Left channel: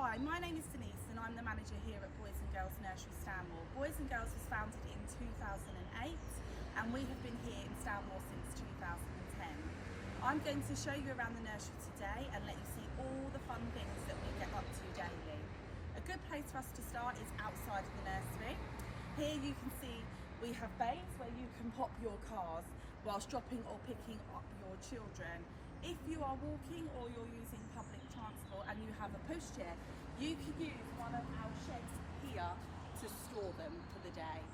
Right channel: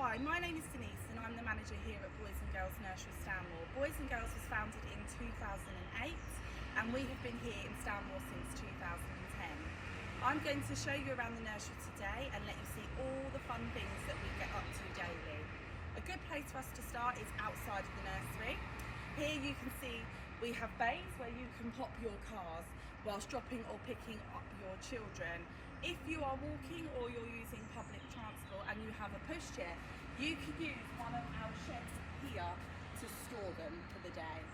Hi, my name is Denise and I'm the manager here at Boys and Girls Nursery Stanmore. Boys and Girls was founded in 2008 and we have been here in Stanmore since 2010. I'm going to show you around the nursery today and let you see all the fun things that we get up to daily. A good place for us to start is outside of the nursery. Here you can see we have bays where you can pop your cars whilst dropping or picking up your children. If you are walking or you're using public transport and you have a pushchair, you can use one of our sheds here to store them for the day.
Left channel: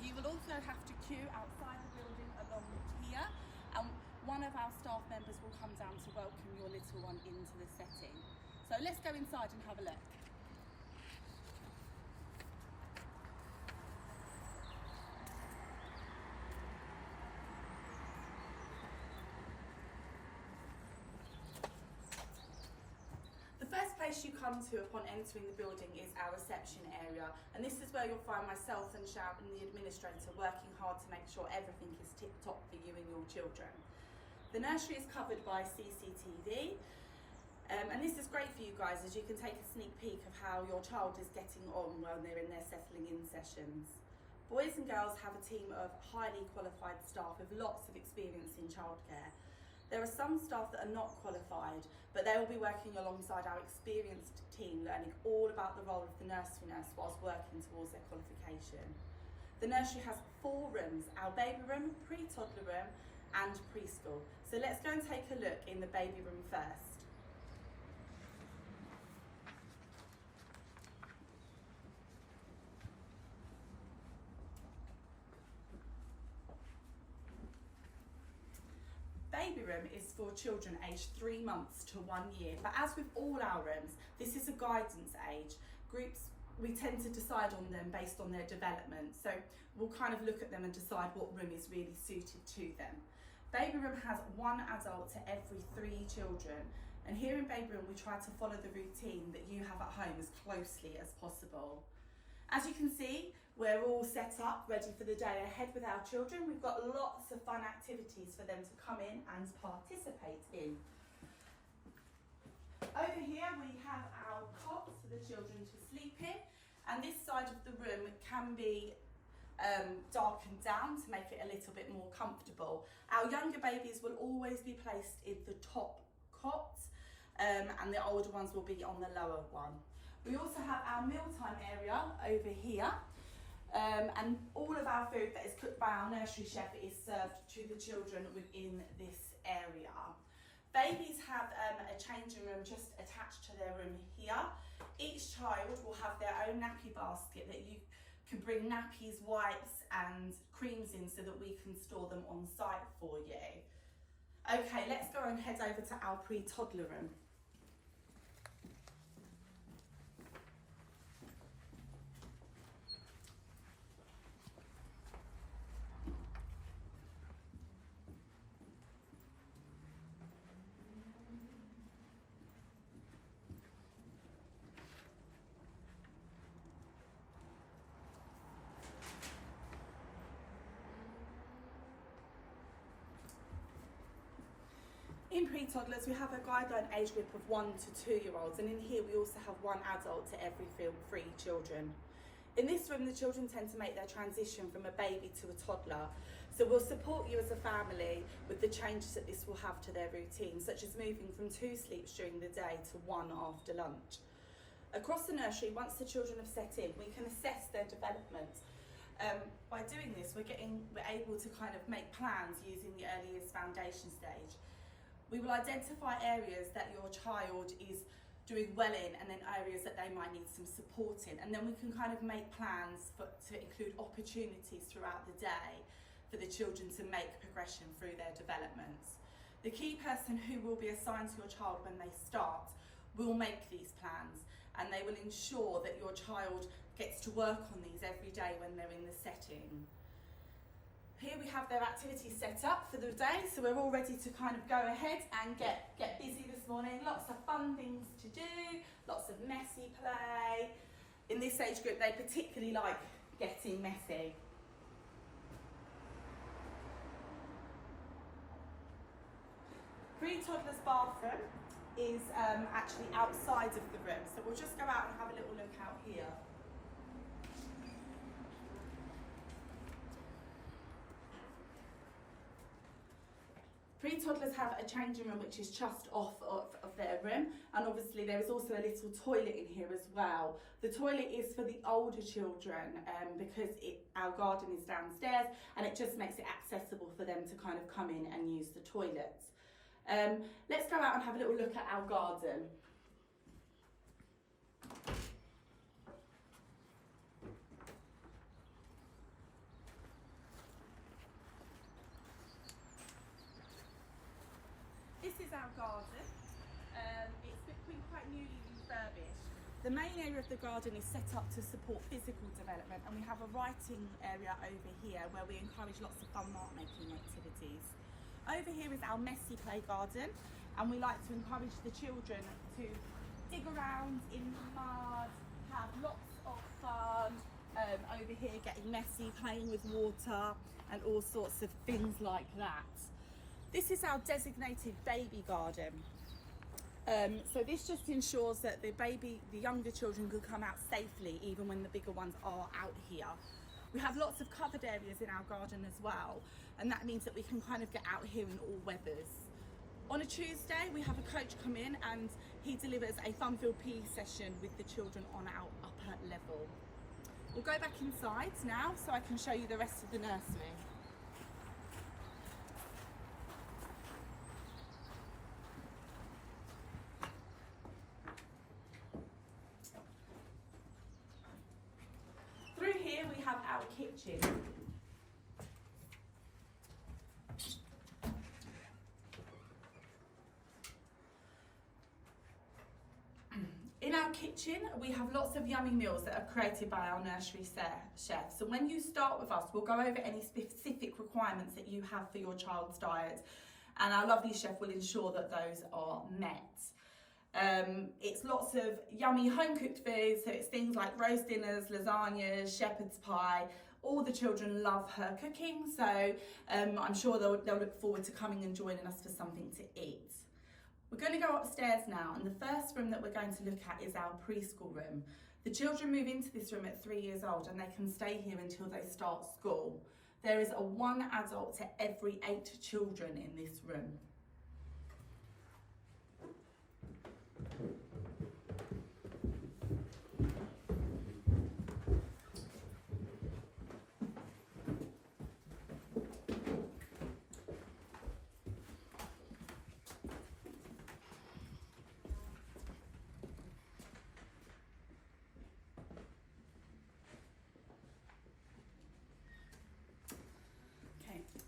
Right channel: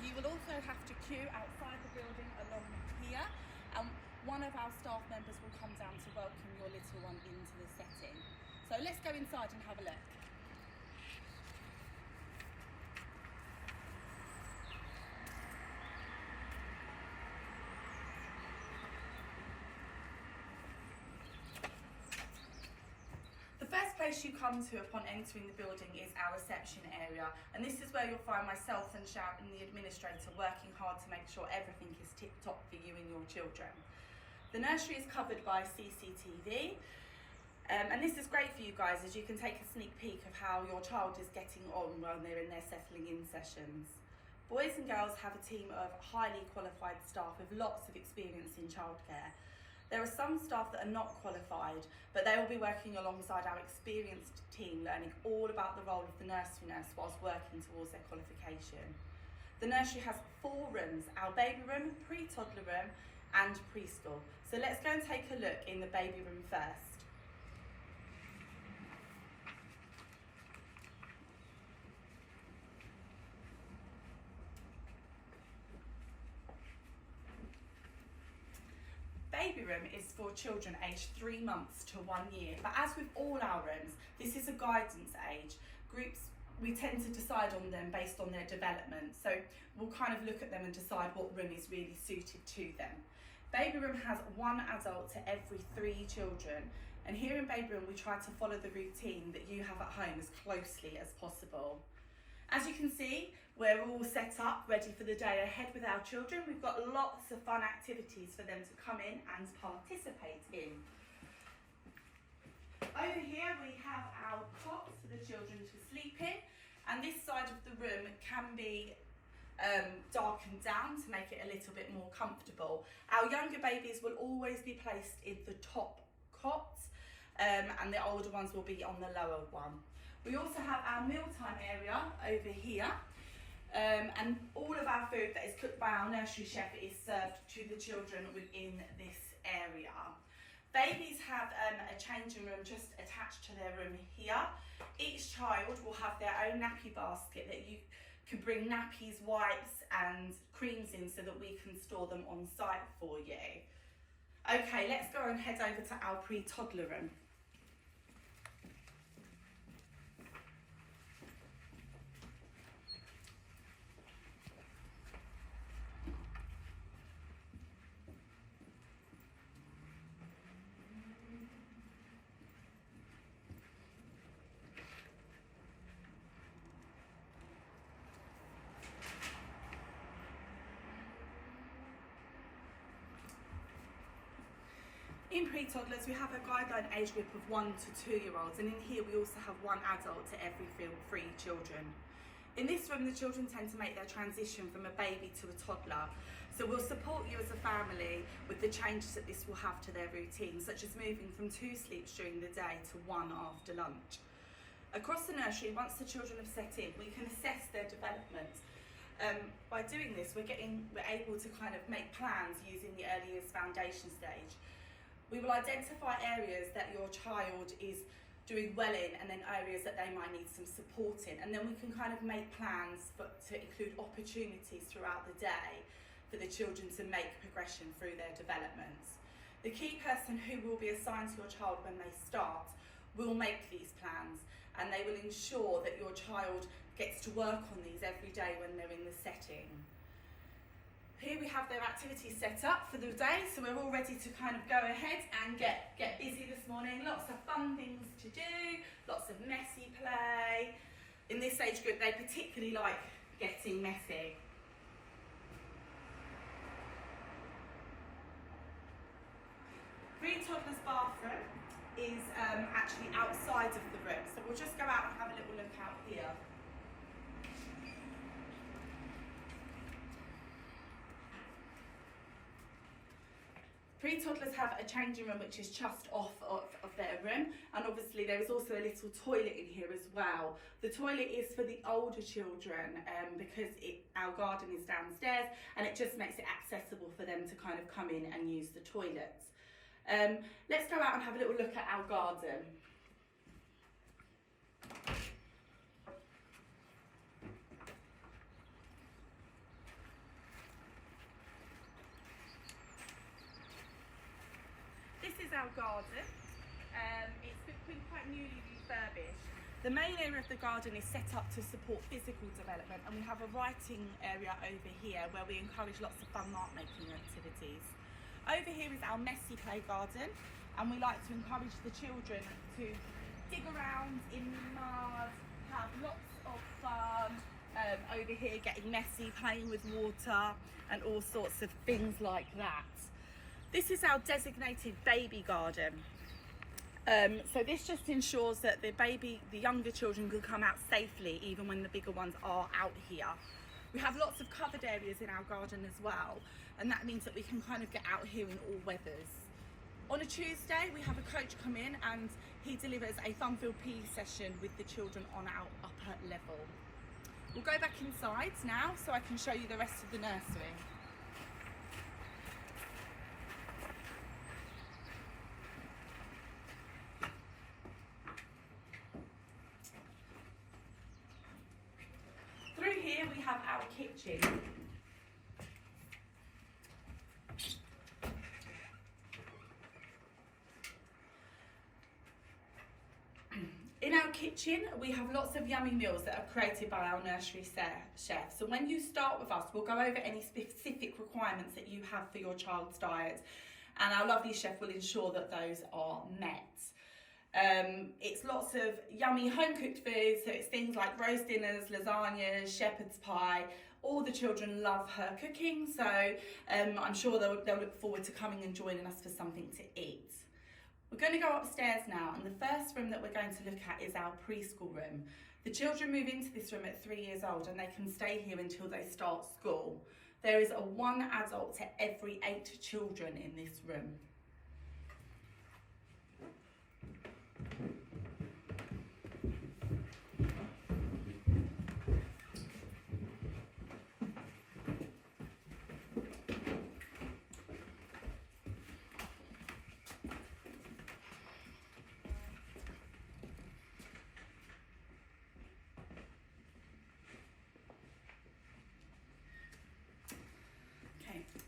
You will also have to queue outside the building along here, and one of our staff members will come down to welcome your little one into the setting. So let's go inside and have a look. The first place you come to upon entering the building is our reception area, and this is where you'll find myself and Shout and the administrator working hard to make sure everything is tip-top for you and your children. The nursery is covered by CCTV, and this is great for you guys as you can take a sneak peek of how your child is getting on when they're in their settling in sessions. Boys and Girls have a team of highly qualified staff with lots of experience in childcare. There are some staff that are not qualified, but they will be working alongside our experienced team, learning all about the role of the nursery nurse whilst working towards their qualification. The nursery has 4 rooms, our baby room, pre-toddler room and preschool. So let's go and take a look in the baby room first. Baby room is for children aged 3 months to 1 year, but as with all our rooms, this is a guidance age. Groups, we tend to decide on them based on their development, so we'll kind of look at them and decide what room is really suited to them. Baby room has 1 adult to every 3 children, and here in baby room we try to follow the routine that you have at home as closely as possible. As you can see, we're all set up, ready for the day ahead with our children. We've got lots of fun activities for them to come in and participate in. Over here we have our cots for the children to sleep in, and this side of the room can be darkened down to make it a little bit more comfortable. Our younger babies will always be placed in the top cot, and the older ones will be on the lower one. We also have our mealtime area over here, and all of our food that is cooked by our nursery chef is served to the children within this area. Babies have a changing room just attached to their room here. Each child will have their own nappy basket that you can bring nappies, wipes and creams in so that we can store them on site for you. Okay, let's go and head over to our pre-toddler room. In pre-toddlers, we have a guideline age group of 1 to 2-year-olds, and in here we also have 1 adult to every 3 children. In this room, the children tend to make their transition from a baby to a toddler, so we'll support you as a family with the changes that this will have to their routine, such as moving from 2 sleeps during the day to 1 after lunch. Across the nursery, once the children have set in, we can assess their development. By doing this, we're able to kind of make plans using the early years foundation stage. We will identify areas that your child is doing well in and then areas that they might need some support in, and then we can kind of make plans to include opportunities throughout the day for the children to make progression through their developments. The key person who will be assigned to your child when they start will make these plans, and they will ensure that your child gets to work on these every day when they're in the setting. Here we have their activities set up for the day, so we're all ready to kind of go ahead and get busy this morning. Lots of fun things to do, lots of messy play. In this age group, they particularly like getting messy. Pre-toddler's bathroom is actually outside of the room. So we'll just go out and have a little look out here. Pre-toddlers have a changing room which is just off of their room, and obviously there is also a little toilet in here as well. The toilet is for the older children because our garden is downstairs, and it just makes it accessible for them to kind of come in and use the toilets. Let's go out and have a little look at our garden. This is our garden. It's been quite newly refurbished. The main area of the garden is set up to support physical development, and we have a writing area over here where we encourage lots of fun mark making activities. Over here is our messy play garden, and we like to encourage the children to dig around in the mud, have lots of fun over here, getting messy, playing with water and all sorts of things like that. This is our designated baby garden. So this just ensures that the younger children can come out safely even when the bigger ones are out here. We have lots of covered areas in our garden as well, and that means that we can kind of get out here in all weathers. On a Tuesday, we have a coach come in and he delivers a fun-filled PE session with the children on our upper level. We'll go back inside now so I can show you the rest of the nursery. Through here we have our kitchen. In our kitchen, we have lots of yummy meals that are created by our nursery chefs. So when you start with us, we'll go over any specific requirements that you have for your child's diet, and our lovely chef will ensure that those are met. It's lots of yummy home-cooked food, so it's things like roast dinners, lasagnas, shepherd's pie. All the children love her cooking, so I'm sure they'll look forward to coming and joining us for something to eat. We're going to go upstairs now, and the first room that we're going to look at is our preschool room. The children move into this room at 3 years old, and they can stay here until they start school. There is a 1 adult to every 8 children in this room.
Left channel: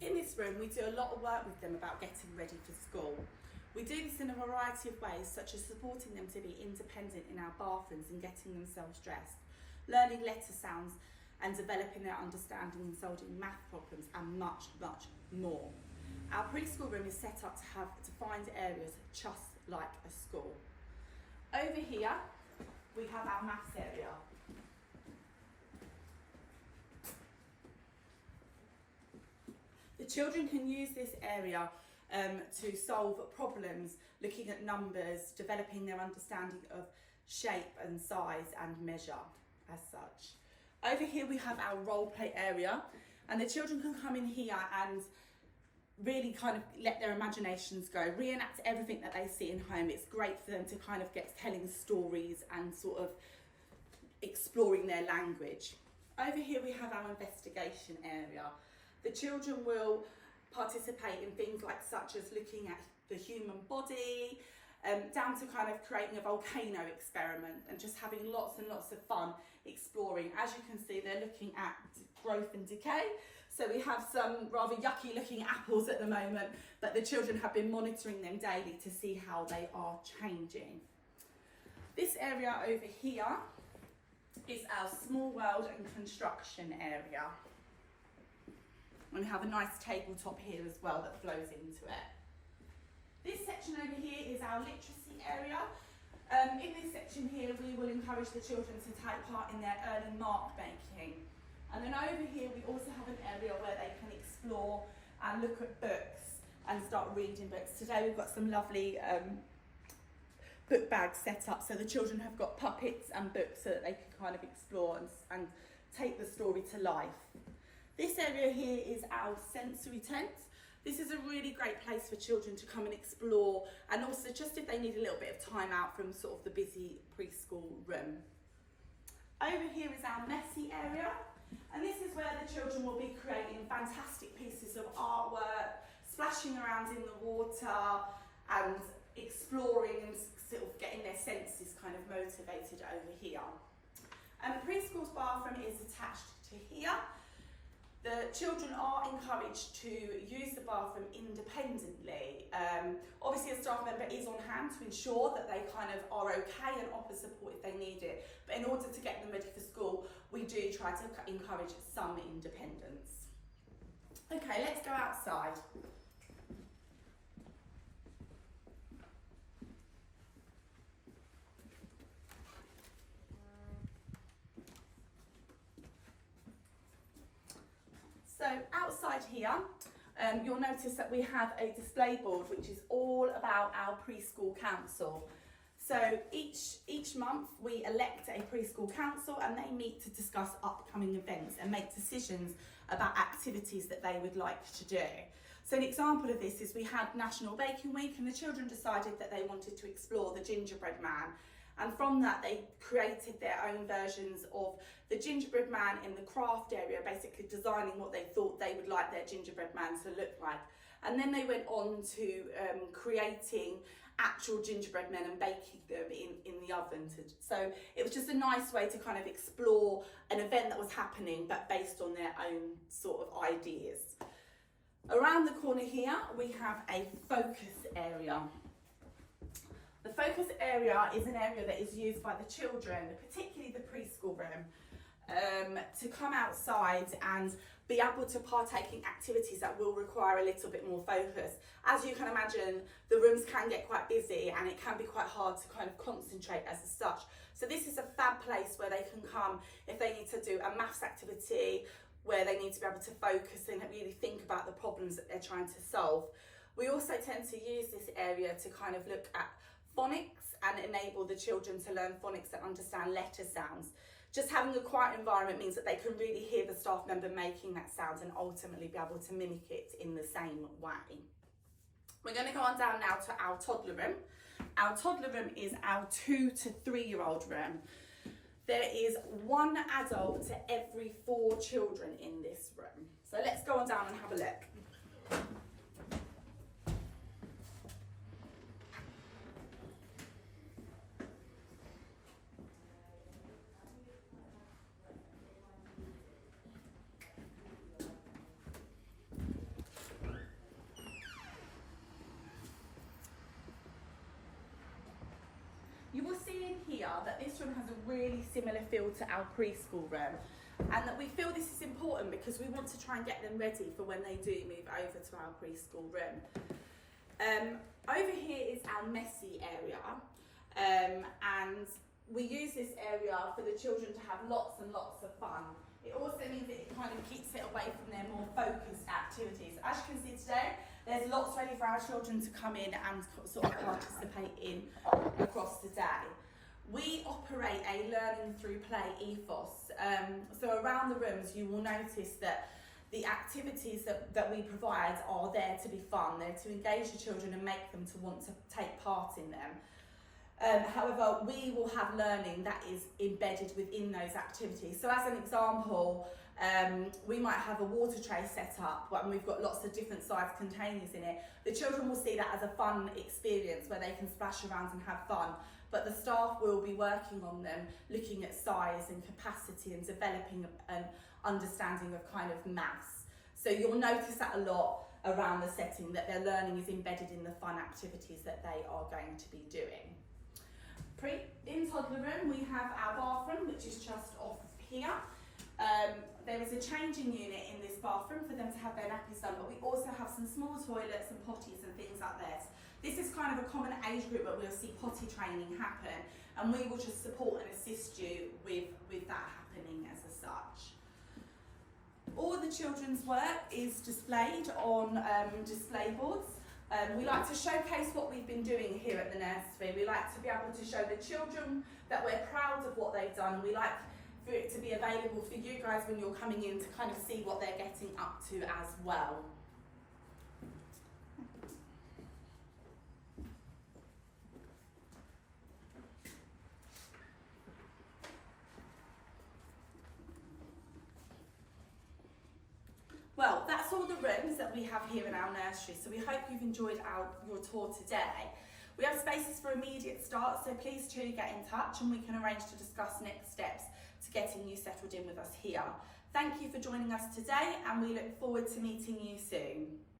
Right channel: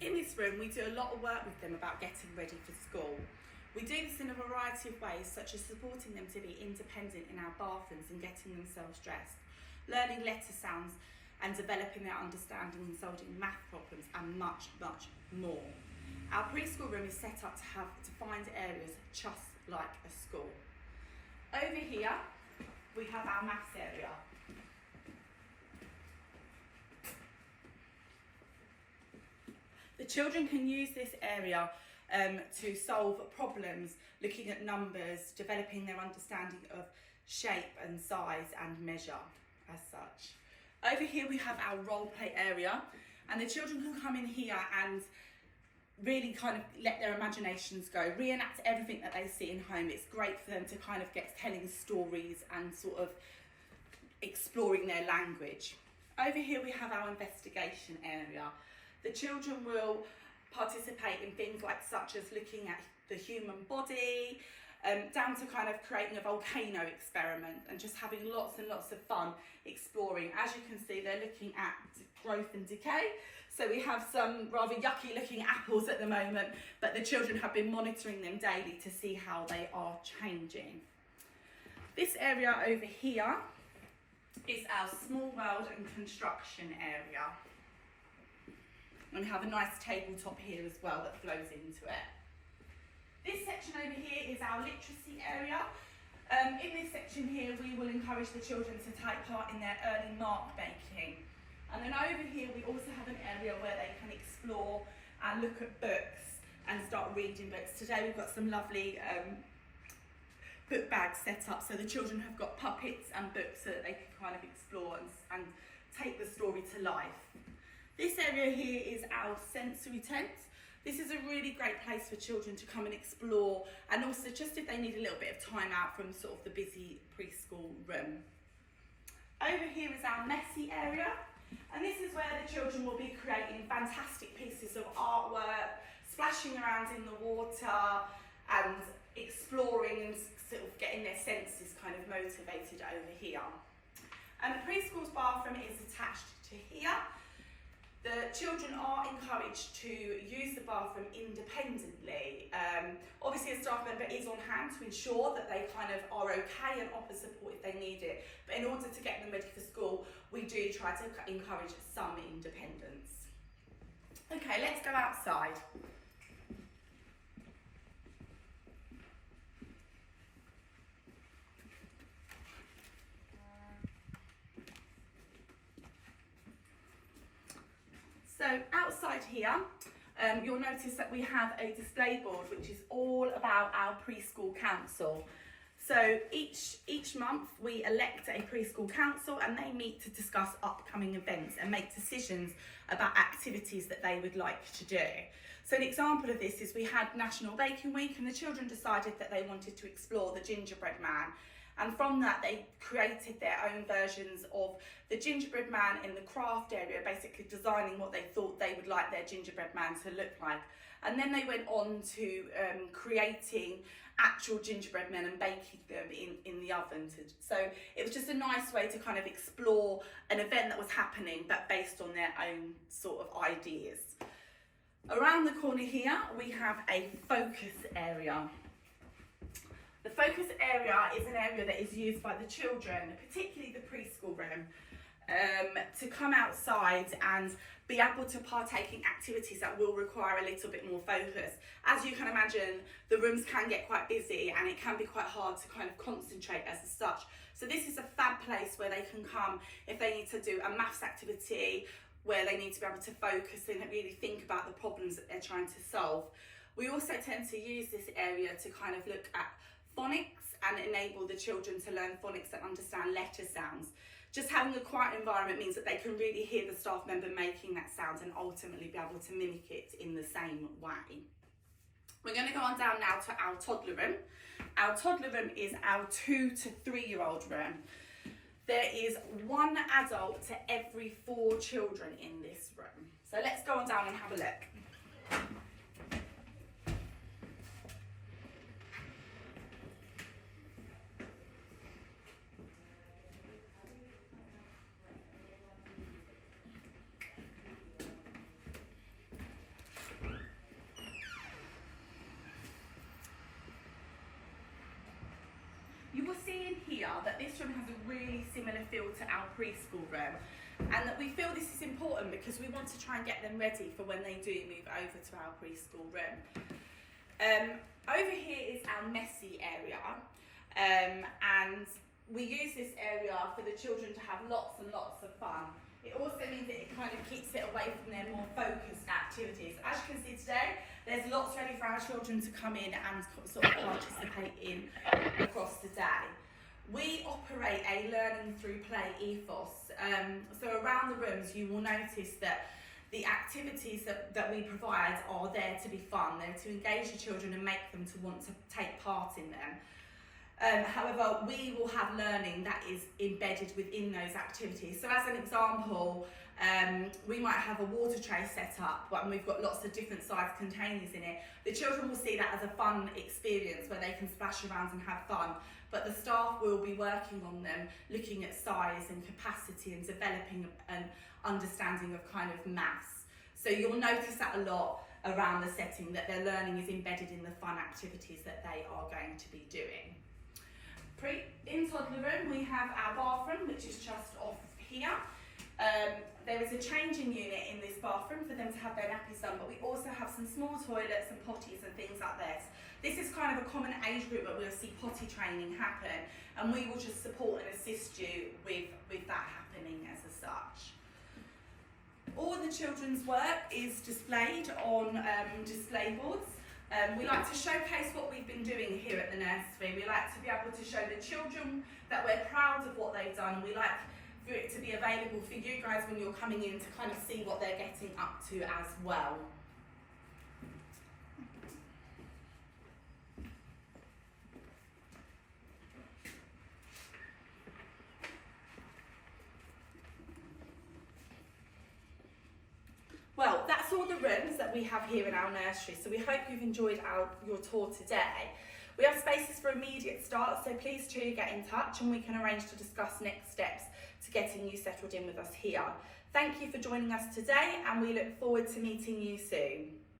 In this room, we do a lot of work with them about getting ready for school. We do this in a variety of ways, such as supporting them to be independent in our bathrooms and getting themselves dressed, learning letter sounds and developing their understanding and solving math problems, and much, much more. Our preschool room is set up to have defined areas just like a school. Over here, we have our maths area. The children can use this area to solve problems, looking at numbers, developing their understanding of shape and size and measure as such. Over here we have our role play area, and the children can come in here and really kind of let their imaginations go, reenact everything that they see in home. It's great for them to kind of get telling stories and sort of exploring their language. Over here we have our investigation area. The children will participate in things like such as looking at the human body, down to kind of creating a volcano experiment and just having lots and lots of fun exploring. As you can see, they're looking at growth and decay. So we have some rather yucky looking apples at the moment, but the children have been monitoring them daily to see how they are changing. This area over here is our small world and construction area. And we have a nice tabletop here as well that flows into it. This section over here is our literacy area. In this section here, we will encourage the children to take part in their early mark making. And then over here, we also have an area where they can explore and look at books and start reading books. Today we've got some lovely book bags set up, so the children have got puppets and books so that they can kind of explore and take the story to life. This area here is our sensory tent. This is a really great place for children to come and explore, and also just if they need a little bit of time out from sort of the busy preschool room. Over here is our messy area, and this is where the children will be creating fantastic pieces of artwork, splashing around in the water and exploring and sort of getting their senses kind of motivated over here. And the preschool's bathroom is attached to here. The children are encouraged to use the bathroom independently. Obviously a staff member is on hand to ensure that they kind of are okay and offer support if they need it. But in order to get them ready for school, we do try to encourage some independence. Okay, let's go outside. So outside here, you'll notice that we have a display board which is all about our Preschool Council. So each month we elect a Preschool Council and they meet to discuss upcoming events and make decisions about activities that they would like to do. So an example of this is we had National Baking Week and the children decided that they wanted to explore the gingerbread man. And from that, they created their own versions of the gingerbread man in the craft area, basically designing what they thought they would like their gingerbread man to look like. And then they went on to creating actual gingerbread men and baking them in the oven. So it was just a nice way to kind of explore an event that was happening, but based on their own sort of ideas. Around the corner here, we have a focus area. The focus area is an area that is used by the children, particularly the preschool room, to come outside and be able to partake in activities that will require a little bit more focus. As you can imagine, the rooms can get quite busy and it can be quite hard to kind of concentrate as such. So this is a fab place where they can come if they need to do a maths activity, where they need to be able to focus and really think about the problems that they're trying to solve. We also tend to use this area to kind of look at phonics and enable the children to learn phonics and understand letter sounds. Just having a quiet environment means that they can really hear the staff member making that sound and ultimately be able to mimic it in the same way. We're going to go on down now to our toddler room. Our toddler room is our 2 to 3 year old room. There is one adult to every 4 children in this room. So let's go on down and have a look. You will see in here that this room has a really similar feel to our preschool room, and that we feel this is important because we want to try and get them ready for when they do move over to our preschool room. Over here is our messy area, and we use this area for the children to have lots and lots of fun. It also means that it kind of keeps it away from their more focused activities. As you can see today, there's lots ready for our children to come in and sort of participate in across the day. We operate a learning through play ethos. So around the rooms, you will notice that the activities that we provide are there to be fun. They're to engage the children and make them to want to take part in them. However, we will have learning that is embedded within those activities. So as an example, we might have a water tray set up and we've got lots of different size containers in it. The children will see that as a fun experience where they can splash around and have fun, but the staff will be working on them, looking at size and capacity and developing an understanding of kind of maths. So you'll notice that a lot around the setting, that their learning is embedded in the fun activities that they are going to be doing. In toddler room, we have our bathroom, which is just off here. There is a changing unit in this bathroom for them to have their nappies done, but we also have some small toilets and potties and things like this. This is kind of a common age group where we'll see potty training happen, and we will just support and assist you with that happening as such. All the children's work is displayed on display boards. We like to showcase what we've been doing here at the nursery. We like to be able to show the children that we're proud of what they've done. We like for it to be available for you guys when you're coming in to kind of see what they're getting up to as well. Well, that's all the rooms that we have here in our nursery, so we hope you've enjoyed your tour today. We have spaces for immediate start, so please do get in touch and we can arrange to discuss next steps to getting you settled in with us here. Thank you for joining us today and we look forward to meeting you soon.